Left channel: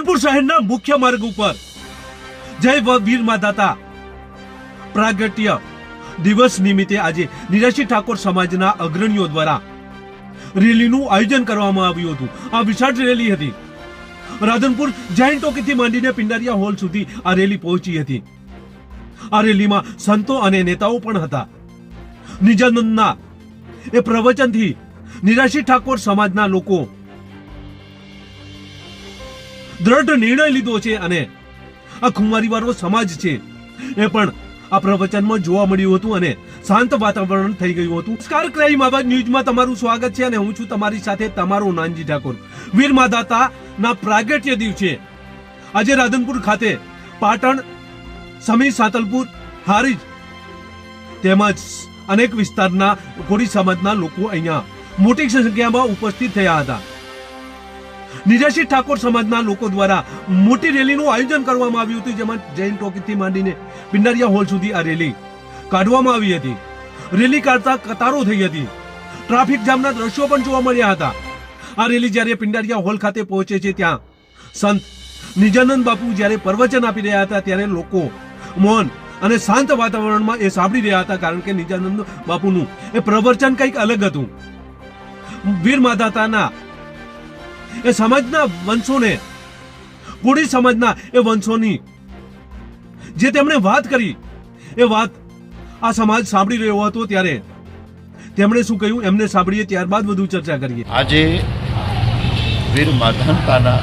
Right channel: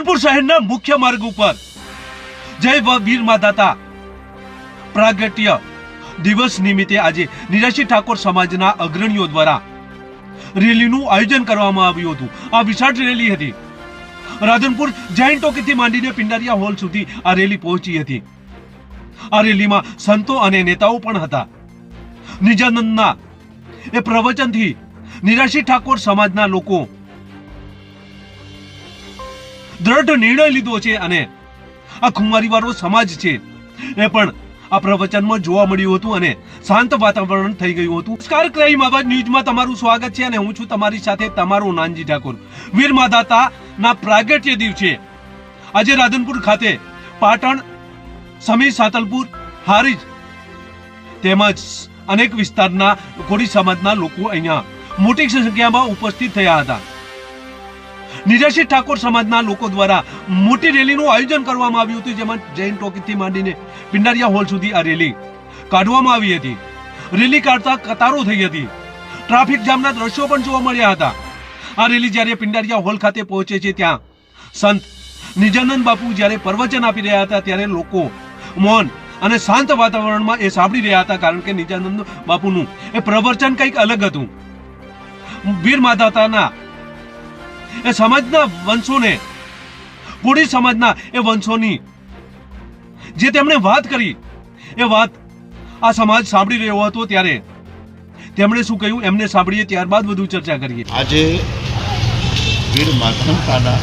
રાધનપુર શહેરના મુખ્ય માર્ગ ઉપર. જય વીર માદાતા પ્રાગટ્ય દિવસ નિમિત્તે આજે નિરાશી ઠાકોર સમાજના અગ્રણીઓ દ્વારા રેલીનું આયોજન કરવામાં આવ્યું હતું. આ વિશાળ રેલી હતી. રાધનપુર જૈન ટોકીથી માંડીને પિંડારિયા હોલ સુધી આ રેલી પહોંચી હતી. આ રેલીમાં સંતો અને નેતાઓ પણ હતા. નિજાનંદના એ પ્રવચનથી નિરાશી ઠાકોર સમાજના લોકો દ્રઢ નિર્ણય લીધો છે અને આ ખુમારીવાળો સમાજ છે. એ પણ આ પ્રવચનમાં જોવા મળ્યું હતું અને શાંત વાતાવરણ થઈ ગયું હતું. નમસ્કાર, ક્રાઇમ આવાજ ન્યૂઝમાં તમારું સ્વાગત છે અને હું છું તમારી સાથે તમારો નાનજી ઠાકોર. વીર માદાતા ના પ્રાગટ્ય દિવસે આજે રાધનપુર ખાતે પાટણ, સમી, સાતલપુર, હારીજ તેમજ અનેક વિસ્તારના કોળી સમાજના લોકો અહીંયા મોટી સંખ્યામાં ઉપસ્થિત થયા હતા. નિરાશી ઠાકોર સમાજના લોકો દ્વારા મોટી રેલીનું આયોજન કરવામાં આવ્યું હતું, જેમાં જૈન ટોકીથી માંડીને પિંડારિયા હોલ સુધી આ રેલી કાઢવામાં આવી હતી. રેલી કાઢતા કતારો થઈ હતી. ટ્રાફિક જામના દ્રશ્યો પણ જોવા મળ્યા હતા. આ રેલી જ્યારે પિંડારિયા હોલ ખાતે પહોંચે છે, ત્યાં સંત નિજાનંદ બાપુ જ્યારે પ્રવચન આપી રહ્યા હતા, ત્યારે લોકો મૌન અને શાંત વાતાવરણમાં એ સાંભળી રહ્યા હતા, કારણ કે નિજાનંદ બાપુનું એ પ્રવચન કંઈક અલગ હતું. વીર માધાતાના એ સમાજના વંશોને કોળી સમાજના એ વંશોની. જે તેમણે વાત કરી, એ વાત આ સમાજ સાંભળી રહ્યો હતો ત્યારે. તેમણે શું કહ્યું? એમને સાંભળીએ ત્યારબાદ વધુ ચર્ચા કરીએ. આજે વીર માધવતાના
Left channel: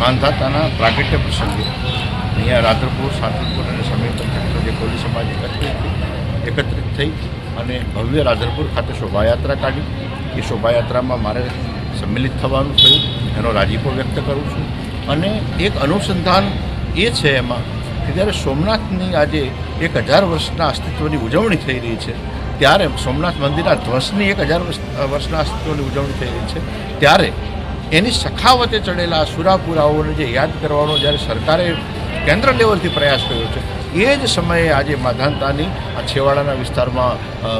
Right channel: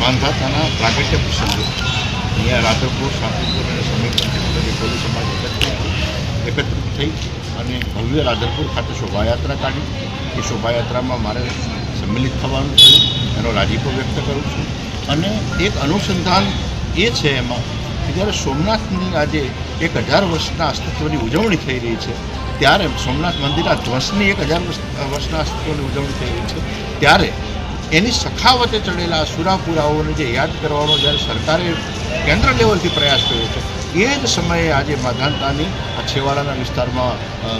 માંધાતાના પ્રાગટ્ય પ્રસંગે અહીંયા રાધનપુર શાંતિપુર અને સમીપ જે સમાજ એકત્રિત થઈ અને ભવ્ય રાધનપુર ખાતે શોભાયાત્રા કાઢી. એ શોભાયાત્રામાં મારે સંમિલિત થવાનું થયું, એનો રાજીપો વ્યક્ત કરું છું. અને એક અનુસંધાન એ છે એમાં કે જ્યારે સોમનાથની આજે એક હજાર વર્ષના અસ્તિત્વની ઉજવણી થઈ રહી છે, ત્યારે સોમનાથ મંદિરના ધ્વસની એક હજાર વર્ષ વર્ષના અસ્તિત્વની ઉજવણી થઈ રહી છે, ત્યારે એની સખાવતે ચડેલા સુરાપુરાઓને જે યાદ કરવાનો જ્યારે સરકારે કેન્દ્ર લેવલથી પ્રયાસ કર્યો છે, એ જ સમયે આજે માધાનતાની આ છેવાડાના વિસ્તારમાં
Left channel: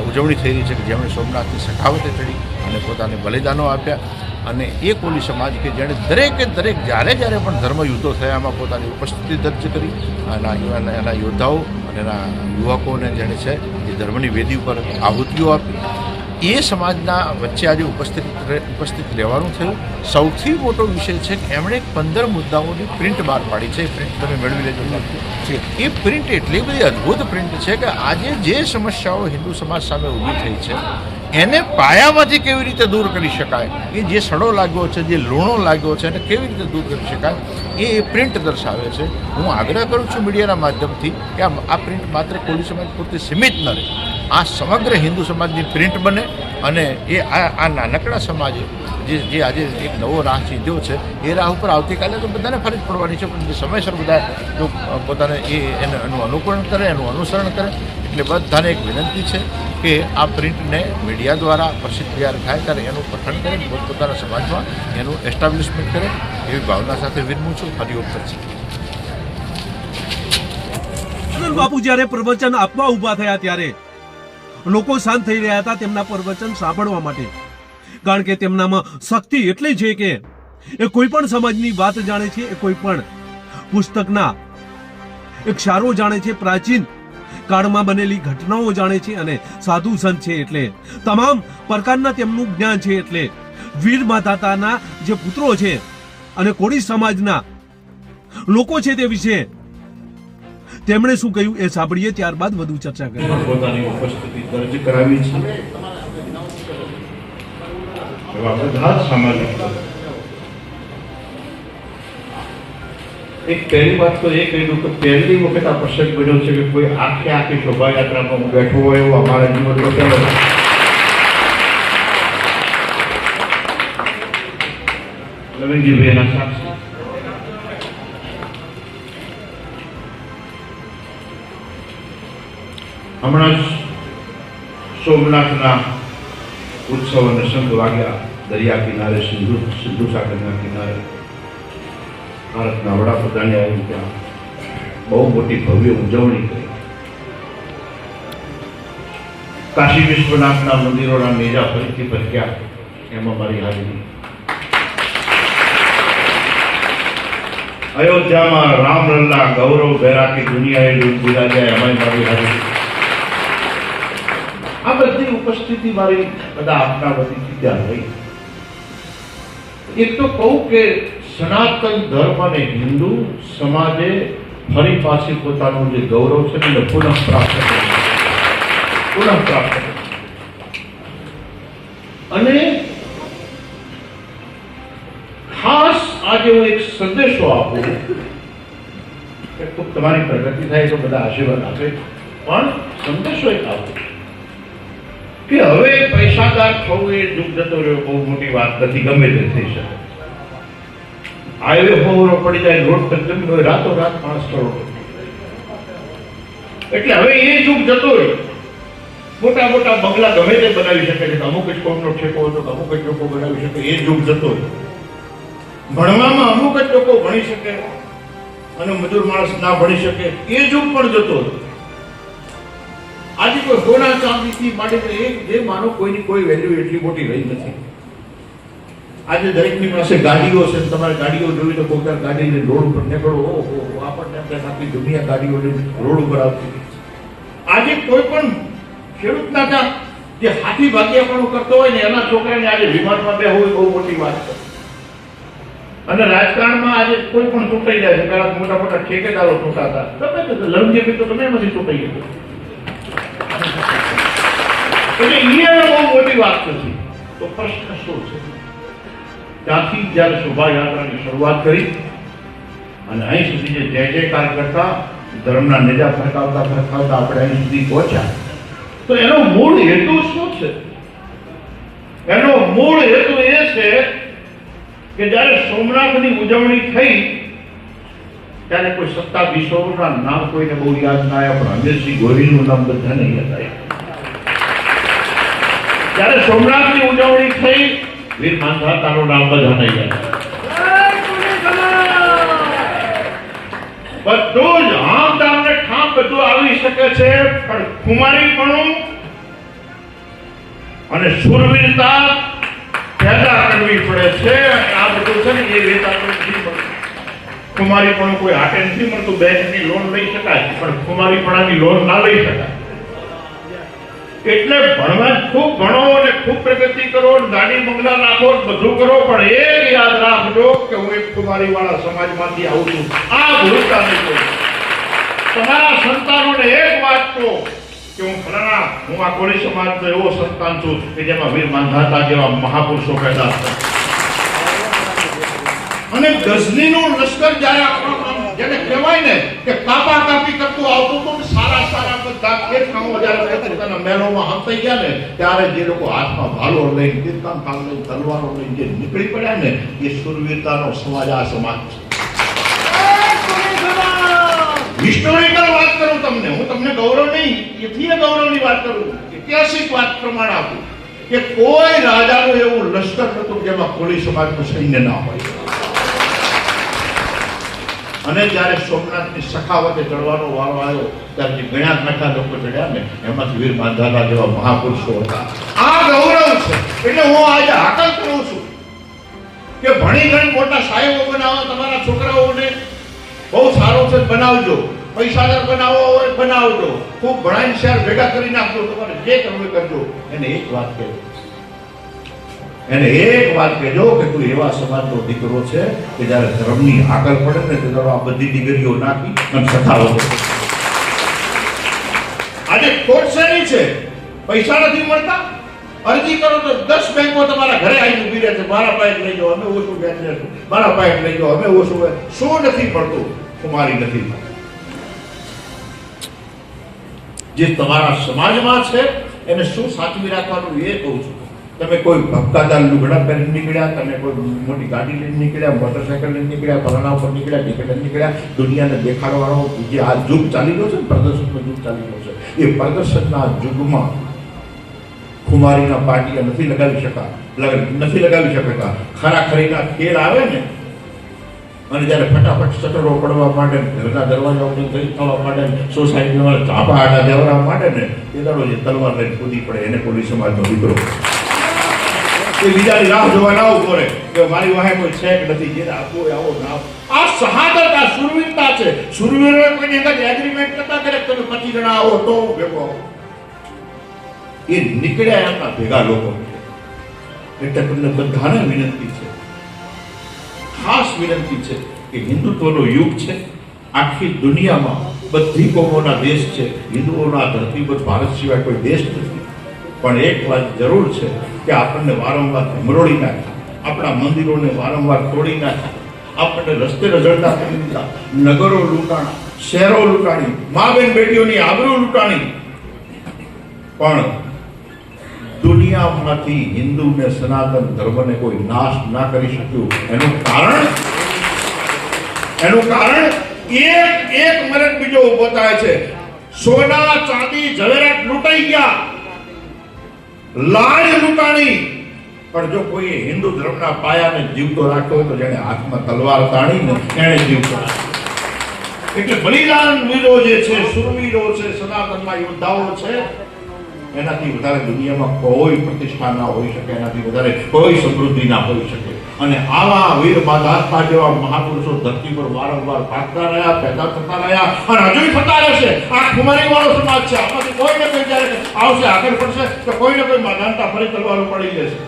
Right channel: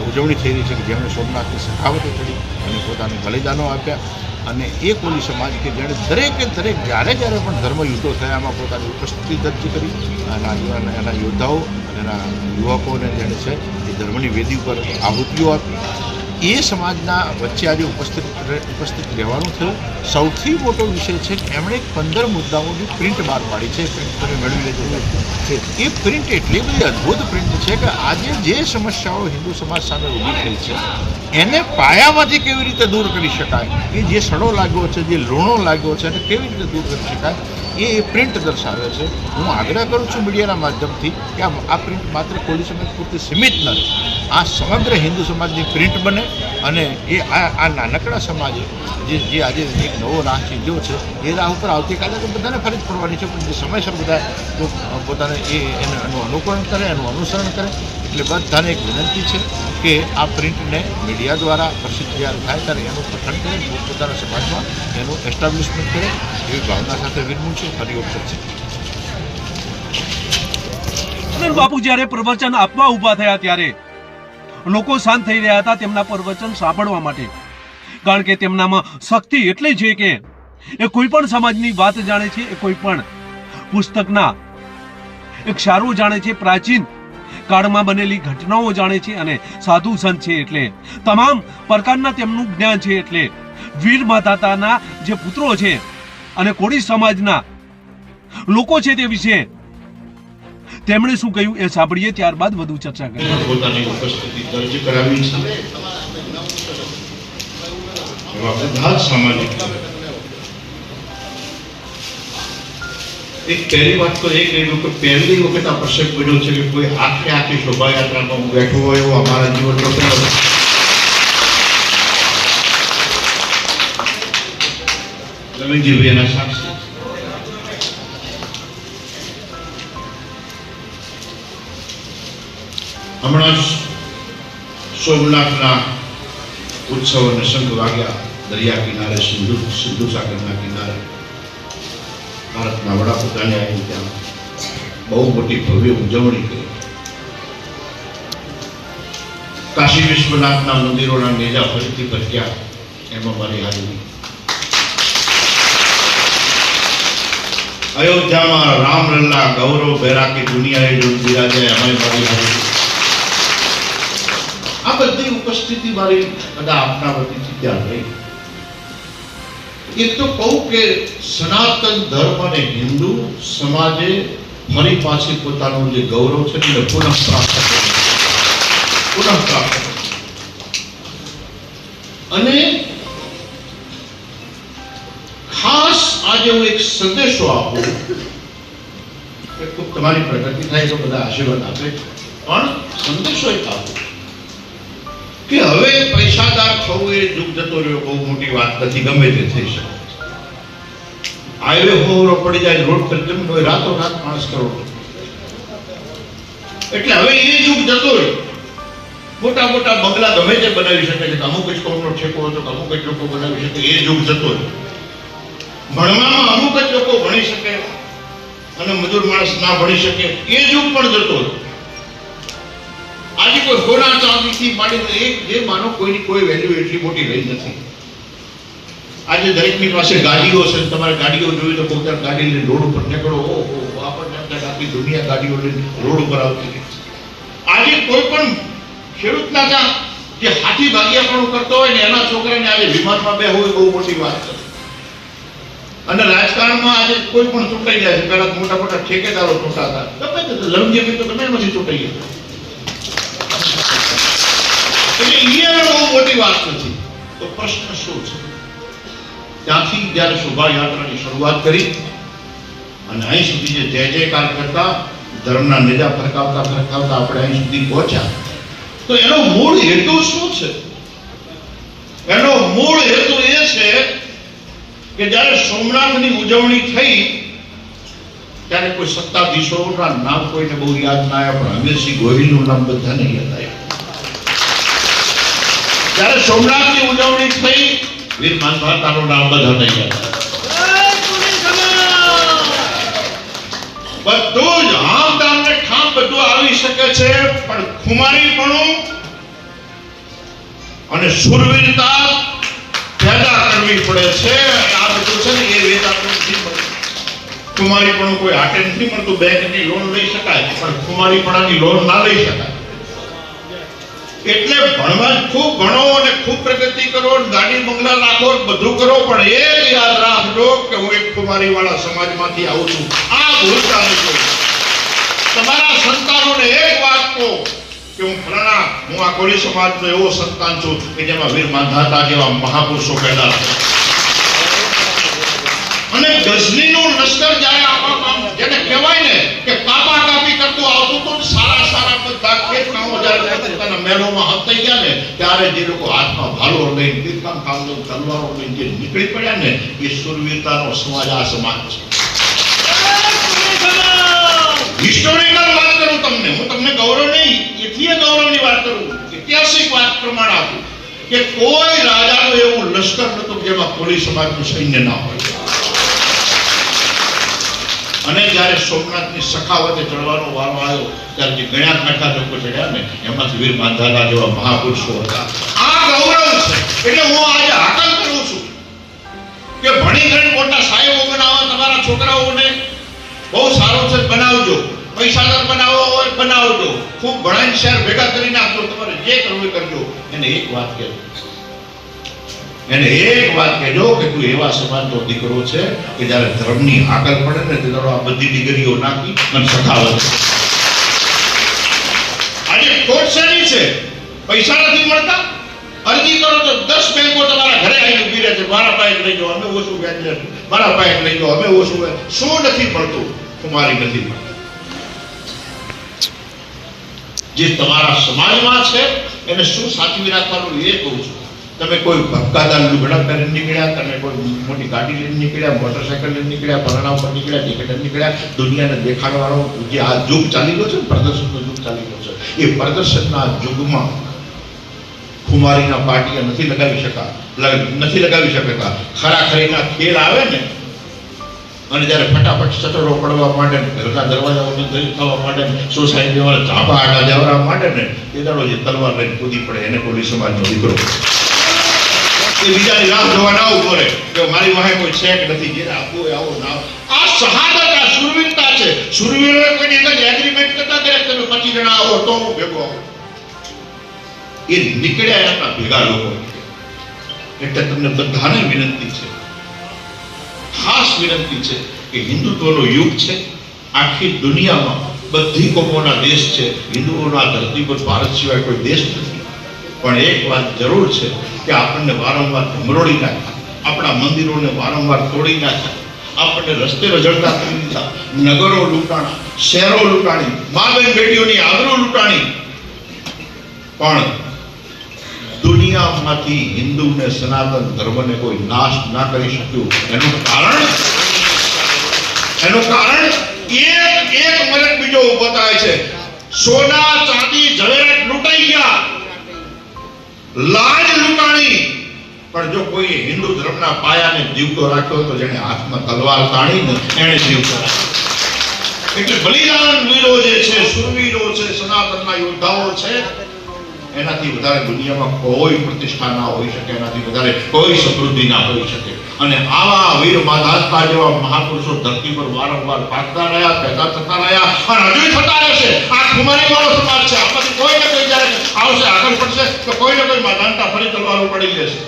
ઉજવણી થઈ રહી છે કે જેમણે સોમનાથની સખાવતે ચડી અને પોતાને બલિદાનો આપ્યા. અને એ કોલી સમાજ કે જેણે દરેકે દરેક જ્યારે જ્યારે પણ ધર્મ યુદ્ધો થયા એમાં પોતાની ઉપસ્થિતિ દર્જ કરી. અને એના એના યોદ્ધાઓ અને એના યુવકોને જેણે છે, એ ધર્મની વેદી ઉપર આહુતિઓ આપી. એ સમાજના વચ્ચે આજે ઉપસ્થિત ઉપસ્થિત રહેવાનું થયું. સૌથી મોટો વિષય છે કે એમણે પંદર મુદ્દાઓની પ્રિન્ટ બહાર પાડી છે. પ્રિન્ટ તમે મેળવી લેજો. છે એ પ્રિન્ટ એટલી બધી અદ્ભુત પ્રિન્ટ છે કે આજે જે સમસ્યાઓ હિન્દુ સમાજ સામે ઊભી થઈ છે, એને પાયામાંથી કેવી રીતે દૂર કરી શકાય? એ જે સડો લાગ્યો છે, જે લૂણો લાગ્યો છે, એને કેવી રીતે દૂર કરી શકાય? એ પ્રિન્ટ દર્શાવે છે. હું આગ્રહ કરું છું મીડિયાના માધ્યમથી કે આ પ્રિન્ટ માત્ર કોઈ સમાજ પૂરતી સીમિત ન રહે. આ સમગ્ર હિન્દુ સમાજની પ્રિન્ટ બને અને એ આ આ નાનકડા સમાજે જે જે આજે એક નવો રાહ ચીંધ્યો છે, એ રાહ ઉપર આવતીકાલે તો બધાને ફરજ પડવાની છે, પણ જે સમયસર બધા જો પોતાને એ એને અનુકરણ કરે, એનું અનુસરણ કરે, એટલે બધાને એક વિનંતી છે કે આ પ્રિન્ટને મીડિયા દ્વારા પ્રસિદ્ધ જ્યારે થાય ત્યારે એનું પઠન કરે, પોતપોતાના સમાજમાં એનું એસ્ટાબ્લિશમેન્ટ કરે, એવી ભાવના સાથે વિનમું છું. ફરી વખત છે બાપુ જ્યારે પ્રવચન આપવા ઊભા થયા ત્યારે લોકો શાંત થઈ રહ્યા હતા તેમના પ્રવચન સાંભળવા માટે. કારણ કે તેમનામાં શક્તિ એટલી છે કે એ કોઈ પણ સમાજની વાત જાણે છે, એ કોઈ પણ પુસ્તકના એક સારો જાણે છે, પ્રાચીન કાળમાં બનેલી ઘટનાઓ જાણે છે અને સાધુ સંત છે એટલે તમામ પ્રકારના તેમનું જ્ઞાન છે એટલે વીર માતાના જે પુત્રો છે અને કોળી સમાજના લોકો છે તે વિશે તેમણે શું કહ્યું એ સાંભળીએ ત્યારબાદ વધુ ચર્ચા કરીએ. પોતાની ઉપસ્થિતિ દર્જ કરાવી છે. બધા સામાજિક એક પહેલી વાત તો એ કહ્યું કે પહેલી વખત આ પ્રસંગ બન્યો છે કે કોઈ આખે આખી શોભાયાત્રામાં હું બેઠો હોય એવો અમારા જીવનમાં પહેલો લવિંગજીભાઈ એના સાક્ષી. હમણાં જ સોમનાથના ઉત્સવ અને સંઘ વાગ્યા દરિયા કિનારે, સિંધુ સિંધુ સાગરના કિનારે. ભારતના વડાપ્રધાને આવી ત્યાં બહુ મોટી ભવ્ય ઉજવણી કરી. કાશી વિશ્વનાથના મંદિરોના નેજા ફરીથી ભટક્યા એમાં મારી હાજરી. અયોધ્યામાં રામલલ્લા ગૌરવ બેરાકી દુનિયાએ લોક બિરાજ્યા એમાં મારી આ બધી મારી બધા આપના વતીથી ત્યાં રહી. એક તો કહું કે સનાતન ધર્મ અને હિન્દુ સમાજે ફરી પાછી પોતાનું જે ગૌરવ છે તેને પુનઃ પ્રાપ્ત પુનઃ પ્રાપ્ત અને ખાસ આજે હું એક સંદેશો આપું તમારી પ્રગતિ થાય તો બધા આશીર્વાદ આપે પણ સંદેશો એક આપું કે હવે પૈસાદાર થવું એ જુગ જતો રહ્યો, બહુ મોટી વાત નથી, ગમે તે થઈ શકે. હાઈવે હોવરો પડી જાય, રોડ પર જમીન હોય રાતો રાત માણસ કરોડ એટલે હવે એ યુગ જતો રહ્યો. મોટા મોટા બંગલા ગમે તે બનાવી શકે છે અમુક જ કોમનો ઠેકો હતો, તો અમુક જ લોકો બનાવી શકે, એ યુગ જતો રહ્યો. ભણવામાં અમુક જ લોકો ભણી શકે, અને મજૂર માણસ ના ભણી શકે, એ યુગ પણ જતો રહ્યો. આજે કોઈ સોના ચાંદીથી માંડીને એક જે માનો કોઈની કોઈ વેલ્યુ એટલી મોટી રહી નથી. આજે દરેકની પાસે ગાડીઓ છે તમારે ગાડીઓ જોઈ તો કોઈ ગાડી લઈને રોડ ઉપર નીકળો, ઓહો, આપણને આખી દુનિયા ગાડીઓ લઈને રોડ ઉપર આવતી આજે કોઈ પણ ખેડૂતના ત્યાં જે હાથી ભાગ્યા પણ કરતો હોય ને એના છોકરાને આજે વિમાનમાં બે હોય બહુ મોટી વાત છે. અને રાજકારણમાં આજે કોઈ પણ ચૂંટાઈ જાય છે. પહેલા મોટા મોટા ઠેકેદારો ચૂંટાતા ગમે તે લંબી તો તમે એમાંથી ચૂંટાઈ ગયા. એટલે એ બહુ મોટી વાત નથી તો પ્રશ્ન શું છે? ત્યાંથી જ્યારે શોભાયાત્રાની શરૂઆત કરી અને અહીં સુધી જે જય જયકાર કરતા, ધર્મના નેજા ફરકાવતા ફરકાવતા આપણે અહીં સુધી પહોંચ્યા, તો એનો મૂળ હેતુ શું છે? એનો મૂળ હેતુ એ છે કે જ્યારે સોમનાથની ઉજવણી થઈ, ત્યારે કોઈ સત્તાધીશોના નામ કોઈને બહુ યાદ ના આવ્યા, પણ અમીરસિંહ ગોહિલનું નામ બધાને યાદ આવ્યું. જ્યારે સોમનાથની ઉજવણી થઈ, વીર માનભાતાનું નામ બધા યાદ ગયા. બધું જ આમ તમને ને ઠામ બધું આવી શકે છે, પણ ખુમારીપણું અને સુરવીરતા પેદા કરવી પડે છે. આ બધું છે ને, એ મળતું. ખુમારીપણું કોઈ હાટે નથી મળતું, બેંકની લોન લઈ શકાય, પણ ખુમારીપણાની લોન ના લઈ શકાય. એટલે ભણવા ખૂબ ભણો અને ખૂબ પ્રગતિ કરો દાડી બંગલા નાખો બધું કરો, પણ એ યાદ રાખજો કે હું એક કુમારી વાળા સમાજમાંથી આવું છું. આ ભૂલતા નહીં તમારા સંતાનોને એક વાત કહો કે હું ફલાણા, હું આ કોળી સમાજનો એવો સંતાન છું કે જેમાં વીર માંધાતા જેવા મહાપુરુષો પેદા અને ગઝનીનું લશ્કર જ્યારે જેને કહેવાય ને કે કાપા કાપી કરતું આવતું હતું ને સારા સારા બધા જ્યારે પોતાના મહેલોમાં હંતાઈ ગયા કામ સમાજ આ હું તમને ગૌરવ નહીં ઇતિહાસ ગૌરવની વાત કરું, ઐતિહાસિક વાત પ્રમાણે આપું કે કોઈ રાજાનું એવું લશ્કર નતું જેમાં કોળી સમાજનું સૈન્ય ના હોય. અને જ્યારે સોમનાથની સખાવતે ચડવાનો વારો આવ્યો, ત્યારે જે ઘણા ખાટા લોકો ચડ્યા ને, એમાંથી વીર માંધાતા જેવા મહાપુરુષો હતા. આ ગૌરવ છે. એટલે હું આજે હાકલ કરું છું કે ભણી ગણ મોટા સાહેબો બનાવો, તમારા છોકરાઓને બહુ સારો છે, બનાવજો. પૈસાદાર બનાવો હોય, બનાવજો. ખૂબ ભણાઈને શહેર ભેગા કરીને આપજો, તમારે જે કરવું કરજો. એને એક વાત કહેજો. એને એક વાત કહેજો કે તું એવા સમાજનો દીકરો છે કે જ્યારે ધર્મની આગળ પડે ને તો આ બધી ડિગ્રીઓ નાખી અને સખાવત આજે ખોટ શેની છે? પૈસા નથી મળતા? અરજી કરો તો દસ બેંકો તમારા ઘરે આવીને ઊભી રહે છે મારા પાસે લઈ જાઓ, અમે ઓછું વ્યાજ મારા પાસે લઈ જાઓ, અમે ઓછું. શું નથી પડતું તમારી નથી જે તમારા સમાજમાં છે, એને શું સાચવી રાખવાનું એ કહું છું. તમે કોઈ ભપકાદાર લુગડા પહેરીને નીકળ્યા, તમે કોઈ મોટી ગાડી લઈને નીકળ્યા મોટરસાયકલ લઈને નીકળ્યા પરણા ઉપર નીકળ્યા, ટિકિટ નીકળ્યા, દુનિયાને દેખાડવાનો જે આ યુગ ચાલી ગયો છે પ્રદર્શનનો યુગ ચાલી ગયો છે, એ પ્રદર્શનના યુગમાં ખુમારીના પાટિયા નથી લગાવી શકા નથી લગાવી શકતા. ખરા ખરીના ખેલ આવે ને, અને જ્યારે ફટાફટ સટરો પડવા માટે ઘરના દરવાજાઓની દલિત થવા માટે ને સોસાયટી વાળા ઝાપા આડા લેવડા માટે ને, એ દાડો જે તલવાર લઈને કૂદી પડે, એને પોલીસ સમાજનો દીકરો એ બીજાની રાહ જોવા ના ઊભો રહે કે મારી વાહે કોઈ છે કે નથી. જેને આપવું હોય આવો ના આ શહાદત, આ સુરવીરતા છે. સુરવીરો કોઈની અંદર એગ્રીમેન્ટ કરતા કરે તમે પચીસ જણા આવો તો ભેગો આવો. એ નીકળ્યા આપણા ભેગા લોકો. એટલે તમને બધાને વિનંતી છે. ખાસ વિનંતી છે કે હિન્દુત્વનો યુગ છે. આખી દુનિયામાં બધી કોમોના દેશ છે. હિન્દુઓના ધરતી પર ભારત સિવાય કોઈ દેશ નથી. પણ એક વાત જરૂર છે કે આપણને વારંવાર ધમરોડી નાખે. આપણા મંદિરોને વારંવાર તોડી નાખે. આપણને રસ્તે રજળતા કરી દીધા. નગરો લૂંટાણા, શહેરો લૂંટાણી મા બેન બેટીઓની આબરૂ લૂંટાણી. પણ દુનિયામાંથી હિન્દુ ને સનાતન ધર્મને કોઈ નાશ ના કરી શક્યું. એનું કારણ? એનું કારણ? એક એક મિનિટ બીજો ઊભો થાય છે. સોના, ચાંદી, ઝવેરાત લૂંટાઈ ગયા. લાજ લૂંટાણી. પણ જો કોઈ હિન્દુ ધર્મના પાયાને જીવતો રાખ્યો તો જેને હાથમાં તલવાર તાણીને એને જીવતો રાખ્યો. એટલે બલિદાન વીરો જે છે, સુરવીરો છે, સનાતનના યોદ્ધાઓ છે, એનાથી વધારે દુનિયામાં કોઈ પ્રતિષ્ઠા ના હોઈ શકે, એનાથી વધારે કોઈ સમૃદ્ધિ ના હોઈ શકે. અને આવા વીર માધાતા જેવા મહાપુરુષો ધરતી પર વારંવાર પાકતા રહ્યા, પેદા થતા રહ્યા અને હજુ થતા રહેશે. આ ખુમારી વાળો સમાજ છે. આમાંથી કોઈ ને કોઈ જ્યારે આવશે, આગળ પડશે, તો કોઈ ને કોઈ માધાનતા ફરી તલવારો પડી જશે.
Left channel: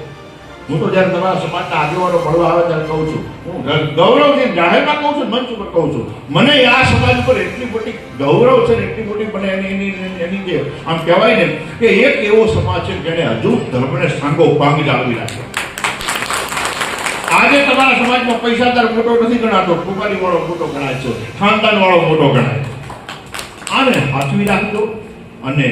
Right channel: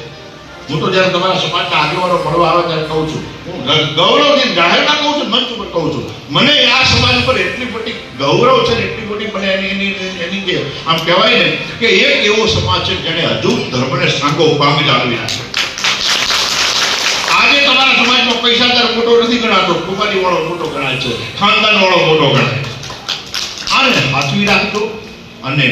હું તો જ્યારે તમારા સમાજના આગેવાનો મળવા આવે ત્યારે કહું છું, હું ગૌરવથી જાહેરમાં કહું છું, મંચ ઉપર કહું છું, મને આ સમાજ પર એટલી મોટી ગૌરવ છે ને એટલી મોટી મને એની એની આમ કહેવાય ને કે એક એવો સમાજ છે જેણે હજુ ધર્મને સાંગો પામી લાવી આજે તમારા સમાજમાં પૈસાદાર મોટો નથી ગણાતો. કુમારી વાળો મોટો ગણાય છે. ખાનદાન વાળો મોટો ગણાય આને હાથવી રાખજો અને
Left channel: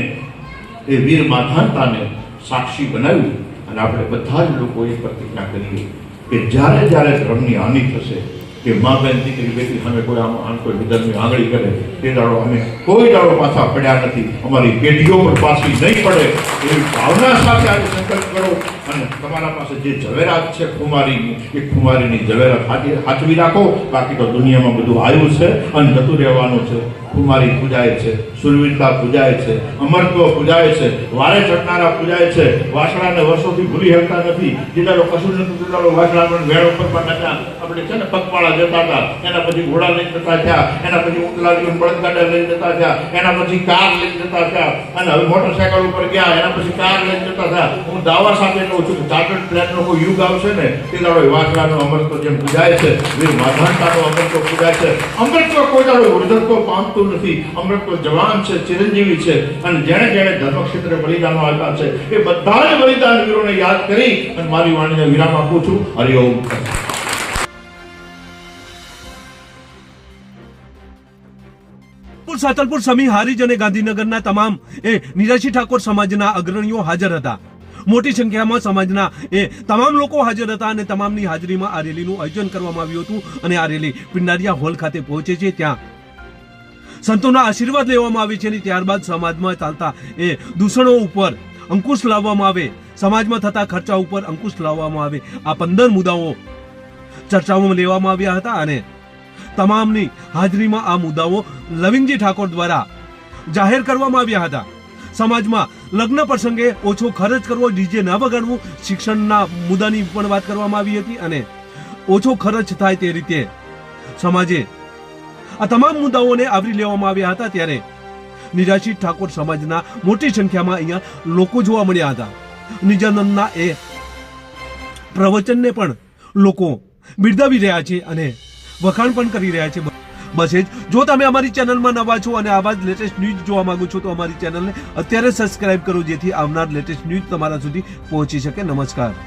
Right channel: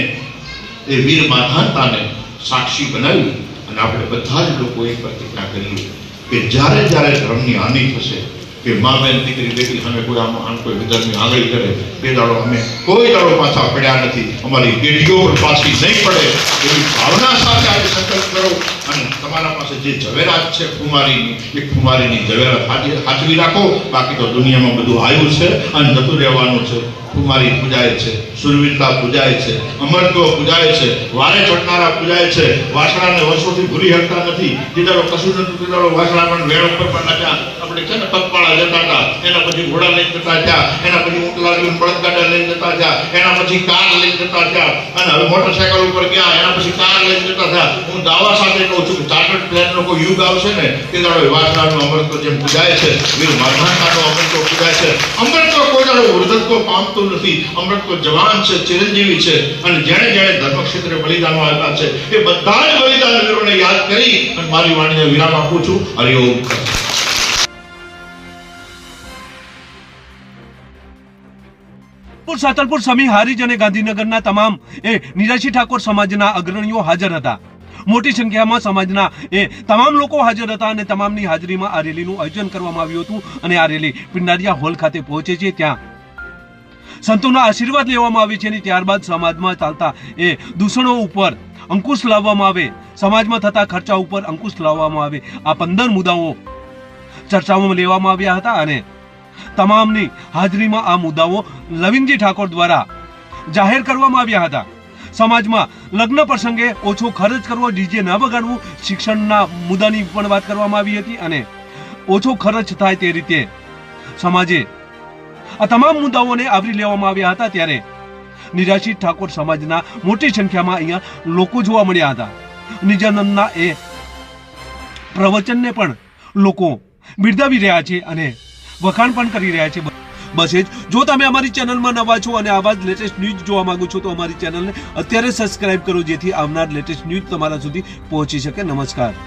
એ વીર માધાનતાને સાક્ષી બનાવ્યું અને આપણે બધા જ લોકો એ પ્રતિજ્ઞા કરીએ કે જ્યારે જ્યારે ધર્મની હાનિ થશે કે મા બેન દીકરી બેટી સામે કોઈ આમ આમ કોઈ વિધર્મી આંગળી કરે, તે દાડો અમે કોઈ દાડો પાછા પડ્યા નથી. અમારી પેઢીઓ પણ પાછી નહીં પડે એવી ભાવના સાથે આજે સંકલ્પ કરો અને તમારા પાસે જે ઝવેરાત છે કુમારીની, એ કુમારીની ઝવેરાત હાચવી રાખો. બાકી તો દુનિયામાં બધું આવ્યું છે અને જતું રહેવાનું છે. કુમારી પૂજાય છે, સુરવીરતા પૂજાય છે, અમરત્વ પૂજાય છે, વારે ચડનારા પૂજાય છે, વાસણાને વર્ષોથી ભૂલી શકતા નથી. દીદારો કશું નથી, દીદારો પણ વેળ ઉપર પણ નખ્યા આપણે છે ને પગપાળા જતા હતા, એના પછી ઘોડા લઈને જતા થયા, એના પછી ઊંટલાડીઓ બળદગાડા લઈને જતા થયા, એના પછી કાર લઈને જતા થયા. અને હવે મોટરસાયકલ ઉપર ગયા, એના પછી કાર લઈને જતા થયા. હું દાવા સાથે કહું છું, ચાર્ટર્ડ પ્લેનનો કોઈ યુગ આવશે ને તે દાડો વાસણાનું અમરત્વ જેમ પૂજાય છે, વીર માધવાનતાનું અમરત્વ પૂજાય છે. અમરત્વ કોઈ દાડો, વૃદ્ધત્વ પામતું નથી. અમરત્વ જવાન છે, ચિરંજીવી છે અને જેણે જેણે ધર્મ ક્ષેત્રે બલિદાનો આપ્યા છે, એ બધા જ બલિદાન વીરોને યાદ કરી અને મારી વાણીને વિરામ આપું છું. હરિઓમ સાતલપુર સમી હારીજ અને ગાંધીનગરના તમામ એ નિરાશી ઠાકોર સમાજના અગ્રણીઓ હાજર હતા. મોટી સંખ્યામાં સમાજના એ તમામ લોકો હાજર હતા અને તમામની હાજરીમાં આ રેલીનું આયોજન કરવામાં આવ્યું હતું અને આ રેલી પિંડારિયા હોલ ખાતે પહોંચે છે. ત્યાં સંતોના આશીર્વાદ લેવામાં આવે છે અને ત્યારબાદ સમાજમાં ચાલતા એ દૂષણો ઉપર અંકુશ લાવવામાં આવે. સમાજમાં થતા ખર્ચા ઉપર અંકુશ લાવવામાં આવે. આ પંદર મુદ્દાઓ ચર્ચાઓમાં લેવામાં આવ્યા હતા અને તમામની હાજરીમાં આ મુદ્દાઓ લવિંગજી ઠાકોર દ્વારા જાહેર કરવામાં આવ્યા હતા. સમાજમાં લગ્ન પ્રસંગે ઓછો ખર્ચ કરવો, ડીજે ન વગાડવું, શિક્ષણના મુદ્દાની પણ વાત કરવામાં આવી હતી અને ઓછો ખર્ચ થાય તે રીતે સમાજે આ તમામ મુદ્દાઓને આવરી લેવામાં આવ્યા હતા ત્યારે નિરાશિત ઠાકોર સમાજના મોટી સંખ્યામાં અહીંયા લોકો જોવા મળ્યા હતા. નિજાનંદના એ પ્રવચનને પણ લોકો બિરદાવી રહ્યા છે અને વખાણ પણ કરી રહ્યા છે. બસ એ જો તમે અમારી ચેનલમાં નવા છો અને આવા જ લેટેસ્ટ ન્યૂઝ જોવા માંગો છો તો અમારી ચેનલને અત્યારે સબસ્ક્રાઇબ કરો જેથી આવનાર લેટેસ્ટ ન્યૂઝ તમારા સુધી પહોંચી શકે. નમસ્કાર.